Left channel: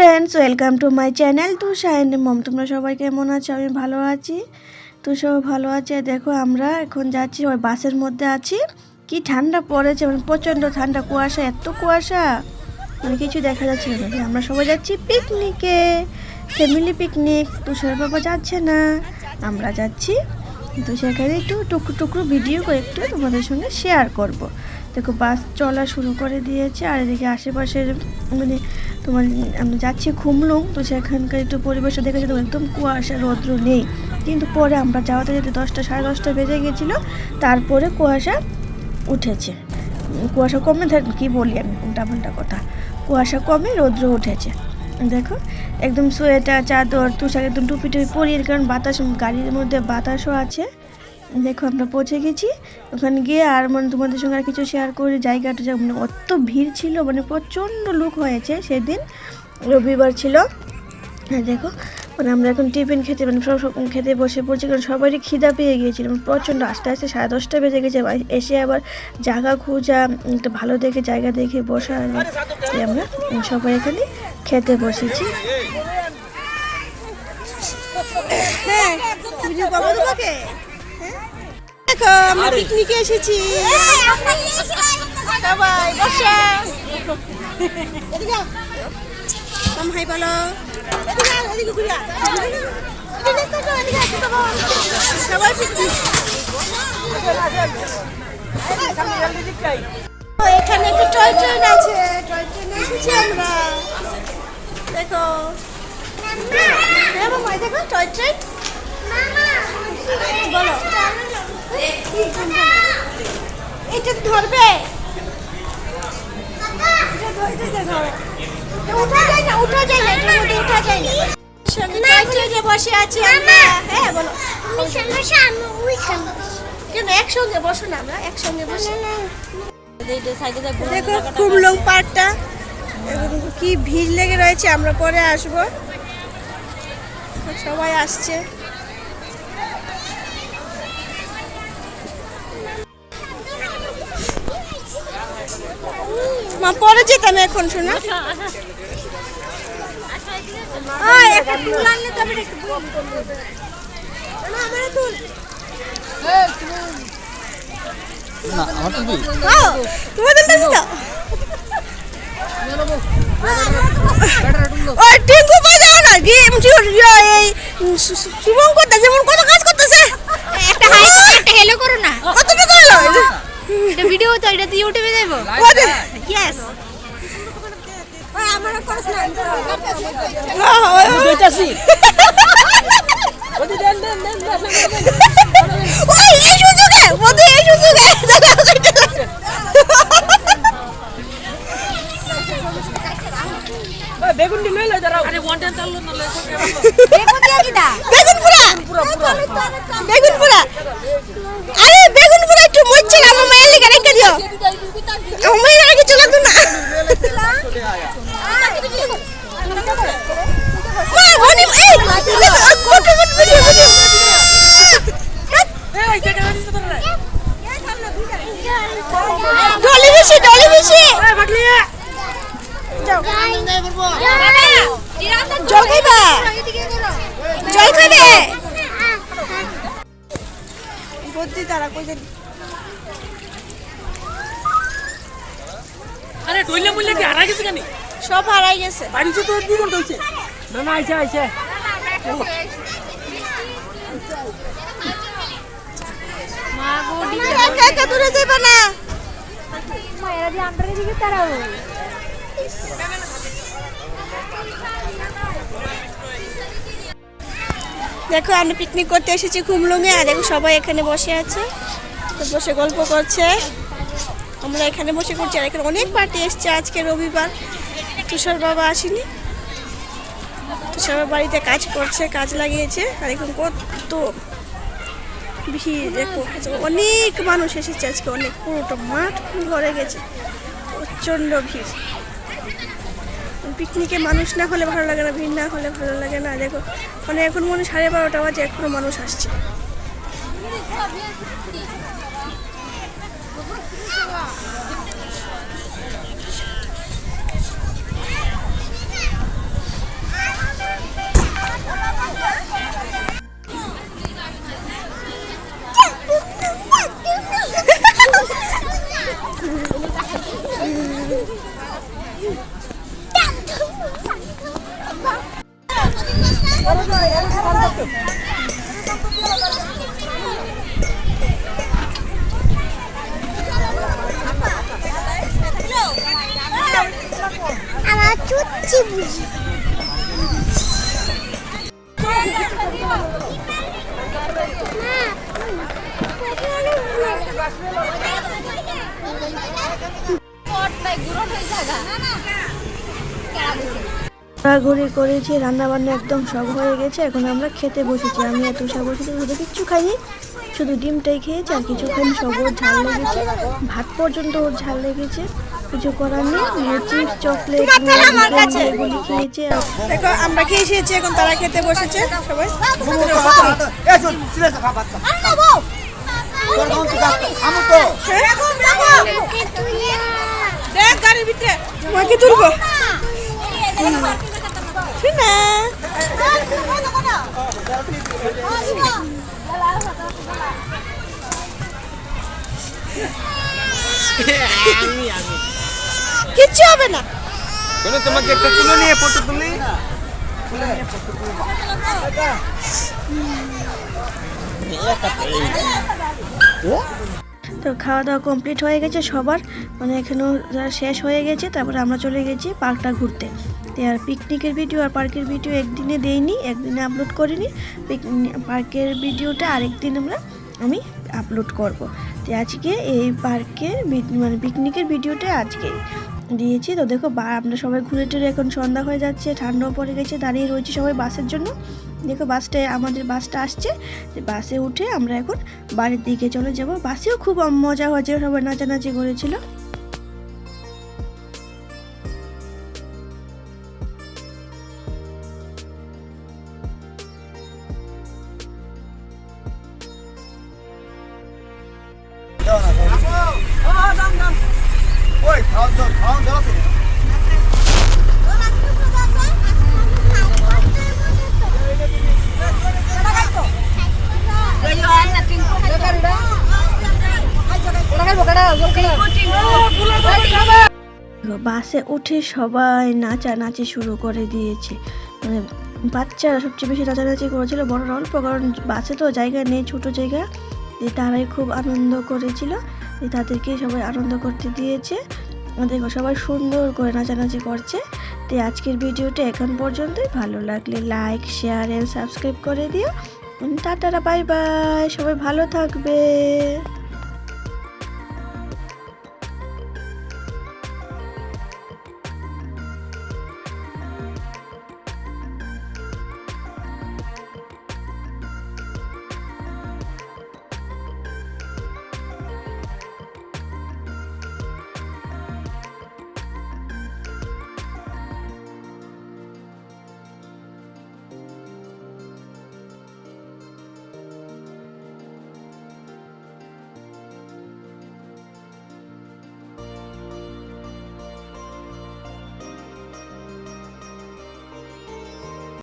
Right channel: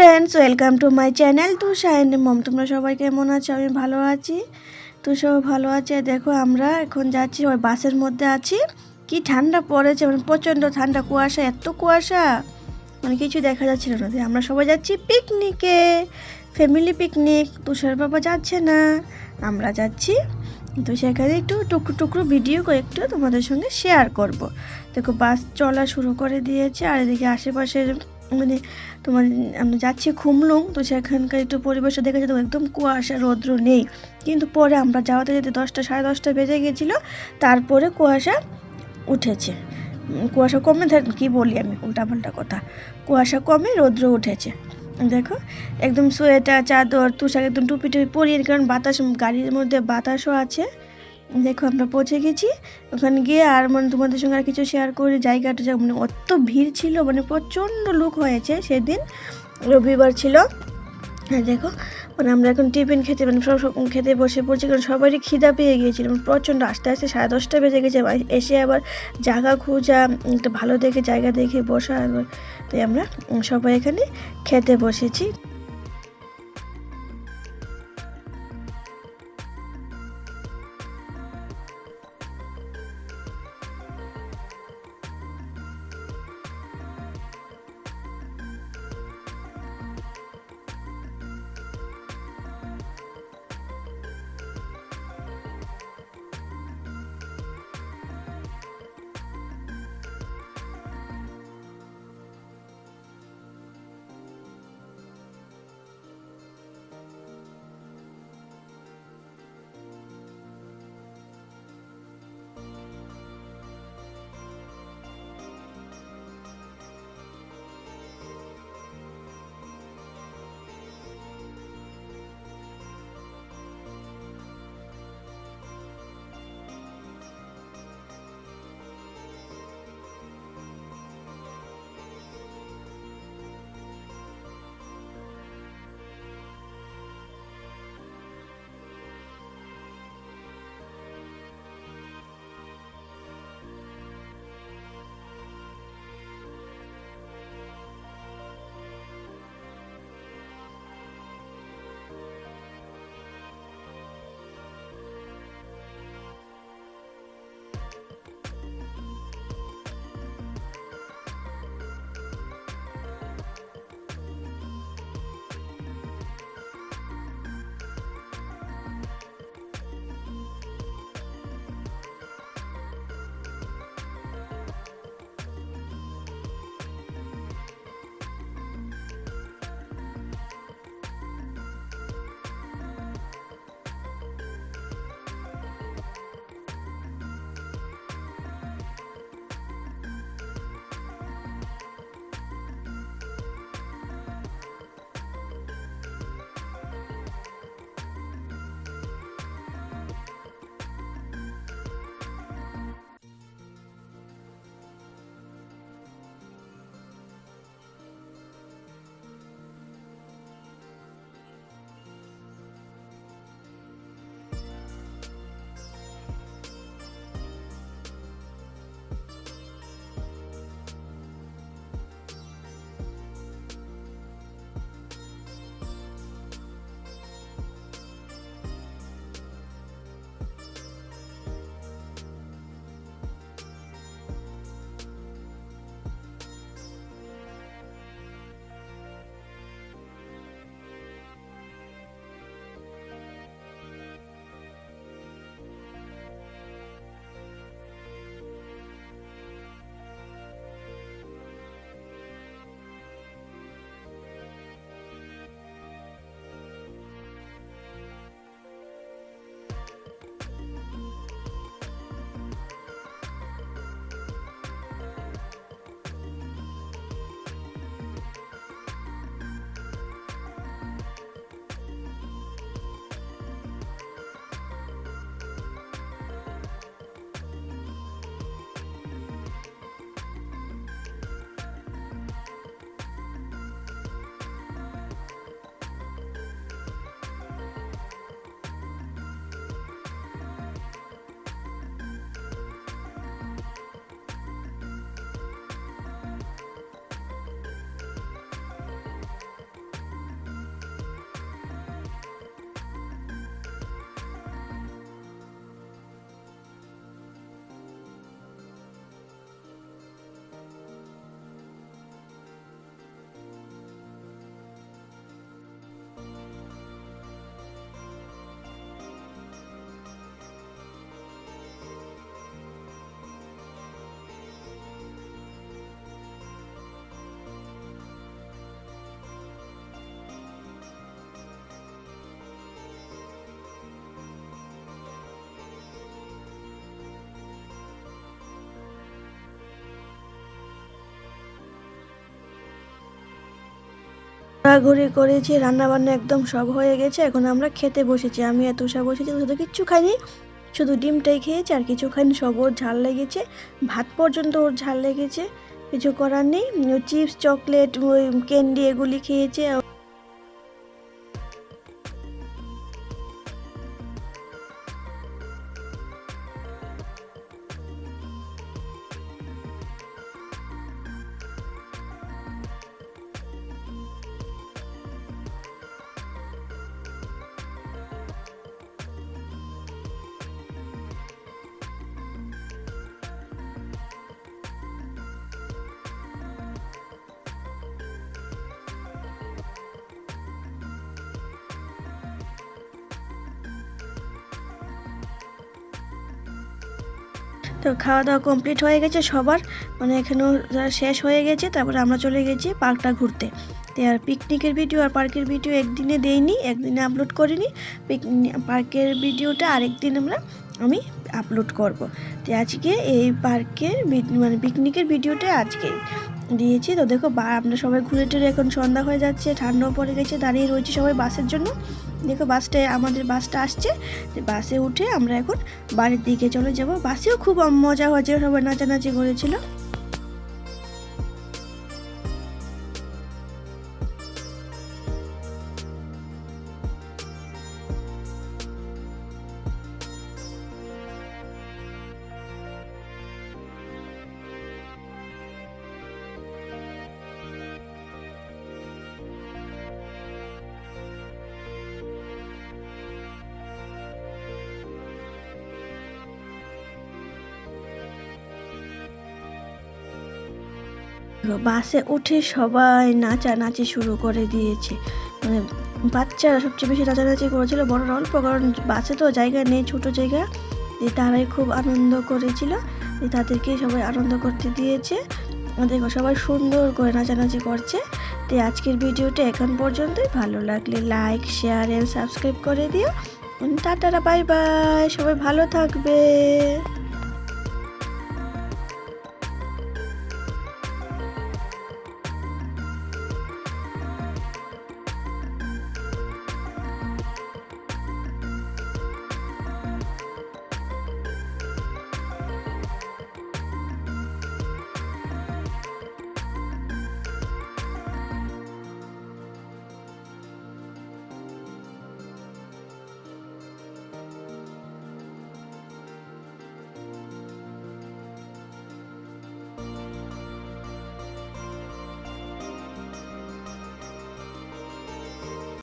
Friends welcome to my channel তো shine mom তোমরা সবাই কেমন আছো? আমি ভালো আছি। তো সবাই ভালো আছে। দেখো, আমরা এখন যাচ্ছি, ওই বাসের মধ্যে আছি। কি ঠান্ডা পড়েছে মানে প্রচণ্ড ঠান্ডা, কুয়াশা, এত কুয়াশা। মানে কিছু দেখা যাচ্ছিল না। আমরা সবাই যাচ্ছি পিকনিকে ফ্যামিলি পিকনিক তুষার বাবা যাচ্ছে না। আমরা যাচ্ছি। তো সেখানে একটু টুকরো টুকরো ভিডিও একটু তোমাদের সঙ্গে শেয়ার করব। দেখো, বাস চলা শুরু করে দিয়েছে, আর এদিকে আশেপাশের মানে তোমার আমরা যাচ্ছি খুমলুং, তো সেখানকার একটু পরিবেশটা দেখেছি তো, একদম কুয়াশা, রৌদ্র নেই। কিন্তু পরে আমরা যাওয়াতে যেতে দশটা, সাড়ে দশটা বেজে গেছিল, তারপরে কুয়াশা উঠেছে। কুয়াশা কমে থাক- কি বলি আমি, উল্টাপাল্টা কথা। কুয়াশা কমে, রৌদ্র উঠেছে। দেখো, একদম সোয়েটার, চাদর, তুষার, একদম টুপি টুপি পরিয়ে, কারণ বাতাস, গাড়ির মধ্যে বাতাসও আছে। দেখো, আমরা পৌঁছে গেছি। ওখানে গিয়ে আর মানে তোমাদের সঙ্গে আর কিছু শেয়ার করে জায়গাটা যা- মানে অত ভিড় ছিল মানে প্রচণ্ড লোক হয়েছে সেদিন, রবিবার ছিল। হ্যাঁ দেখো মানে আমরা এখন টিফিন খেতে মানে সব খেতে বসে পড়ছি, কারণ সবারই খিদা পেয়ে গিয়েছিল মানে প্রচণ্ড। আস্তে আস্তে সাড়ে দশটা বেজে গেছে এসে আবার জায়গা খোঁজা, একটা ভালো দেখে জায়গা দেখে বসা আমরা সবাই এখানে খেতে বসেছি। হ্যাঁ? আমরা পিকনিকে এসেছি। সবাই বসা। কম হাই বলো। সবাই পিকনিক এখানে একটু টয় ট্রেন আছে। টয় ট্রেনে এসেছি আমরা। দেখো। হ্যাঁ দেখো টয় ট্রেন বলো। এটা ধরবে? উঠা যায় না উঠা যায় না এটার মধ্যে উঠা যায় না। সঙ্গে বসে আছি আমরা হ্যাঁ বলো। কেন একসঙ্গে বসো না আমরা একসঙ্গে বসে। দেখো কুমলং পার্কটা। এবং কি ভিড় লেগে রয়েছে আমরা পরে আসব। সবাই আসছে। মা পরে যেতাম এখন শোনা। তোমাদের কাছে তো? ওই টিঙ্কু বাজাও না গেম এই শুভঙ্কর দা যেমন কত কাজ করতেছে? একটা হাই একটা হেলো করো না। কত টাকা হলো? ভিডিও তো এটা ইউটিউবে দেবো কত ইয়েস আমার করছ না দেখতেছি ওই এই সুযোগে মধ্যে এই সুযোগে বেগুন দিলে লই দাঁড়াও আরে ওয়ান টাইম চাললো না দেখো কি আকিদা বেগুন পুরা বেগুন পুরা আরে বেগুন পুরা একটু মরছে আমার মায়ের লিখে রেখে দিও কত ভিডিও ভিডিও ডলি বেশি ডলি বেশি জল খাইবা? জল খাবে বুদ্ধি তারা কই কি হারা গেছে কেন? সব হারাই গেছে। বাড়িতে তো দুই ঘণ্টা হইছে না না আইছে আইছে। একা একা দূরে যাইবা না। দেখো আমরা পিকনিক করতে এসেছি কুমলুঙে আর দেখো সবাই এখানে বসে আছে বসে গল্প করছে। আমরা এখানে বসে করছি আর এখানে অনেক পার্টি এসছে আজকে রবিবার। তুষার বাবা আসেনি। তুষার বাড়িতে কাজ করছে, কাজ লাগিয়েছে। আর এখন কত ভিড়, দেখো। অনেক মানুষ এসেছে আজকে, অনেক। পুরোটা মাঠ ভরে গেছে। প্রচণ্ড ভিড়। পিকনিকে মানুষ না হলে ভালো লাগে না, ভিড় না হলে ভালো লাগে না। দেখো মানে এখন মনে সাড়ে বারোটা বাজে, এখনও মানুষ আসছে। চুচ্ছি বুঝি। ঘোরাঘুরি করেছি রান্না বান্না একদম সব হয়ে গেছে, এখন আমরা খেতে বসেছি। আমি আর তুষা বসেছি, শুধু কিচ্ছু খাইনি, শুধু ডিমটাই খেয়েছি, আর কিছু খাইনি, সব ওর ঝাল লেগেছে, ভাত পর্যন্ত ওর ঝাল লেগেছে। কিছু করার নেই চিপস চকলেট ক্যান্ডি এগুলি খেয়েছে। আমরা খেয়ে এসেছি এখন তারা খেতে বসেছে সবাই। তোমাকে তুলবো না। কিচ্ছু হবে না। কোনো তোমাকে একটা তুলে নিয়ে ফটো তুলি তো খাওয়া দাওয়া কমপ্লিট হয়ে গেছে সবার। মানে এখানেও যারা শেষ হয়ে গেছে তারপরে আমরা চলে গেছি পার্কটা ঘুরতে। তো আর পিকনিকের ভিডিও আর পার্কের ভিডিও একদিনে দেইনি একদিনে আপলোড করিনি। পার্কের ভিডিওটা আরেকদিন আমরা আমি আপলোড করব। তো আজকে এই পার্কের ভি- মানে পিকনিকের ভিডিওটা আজকে দিয়েছি। তো দেখো, বা আমরা সবাই ঘুরে টুরে এখন সন্ধ্যা হয়ে যাচ্ছে, ঠান্ডাও পড়ে গেছে, দাঁড়িয়ে রয়েছে সবাই বাসের জন্য। দেখো, বাসটা আমাদের বাসটা আসছে বাসে উঠে আমরা এখন বাড়ির দিকে চলে যাব। বাসেও খুব মজা হয়েছে সবাই নাচানাচি করেছিল। বাসে উঠে সবাই নাচানাচি শুরু করে দিয়েছে। মানে বাচ্চারা সবচেয়ে বেশি নাচানাচি করেছিল, বড়রা অল্প, কারণ বাসে তো জায়গা নেই, ছোট জায়গা। যে তারাই খুব আনন্দ করেছিল। যে তাদেরকে সবাই আনন্দ করতে দিয়েছে। আর দেখো, সবাই সুন্দর করে নাচানাচি করছে। তো আজকের ভিডিওটা এখন পর্যন্তই। ভালো লাগলে লাইক শেয়ার এন্ড সাবস্ক্রাইব করে দিও। টাটারা বাই বাই সবাই ভালো থাকবে।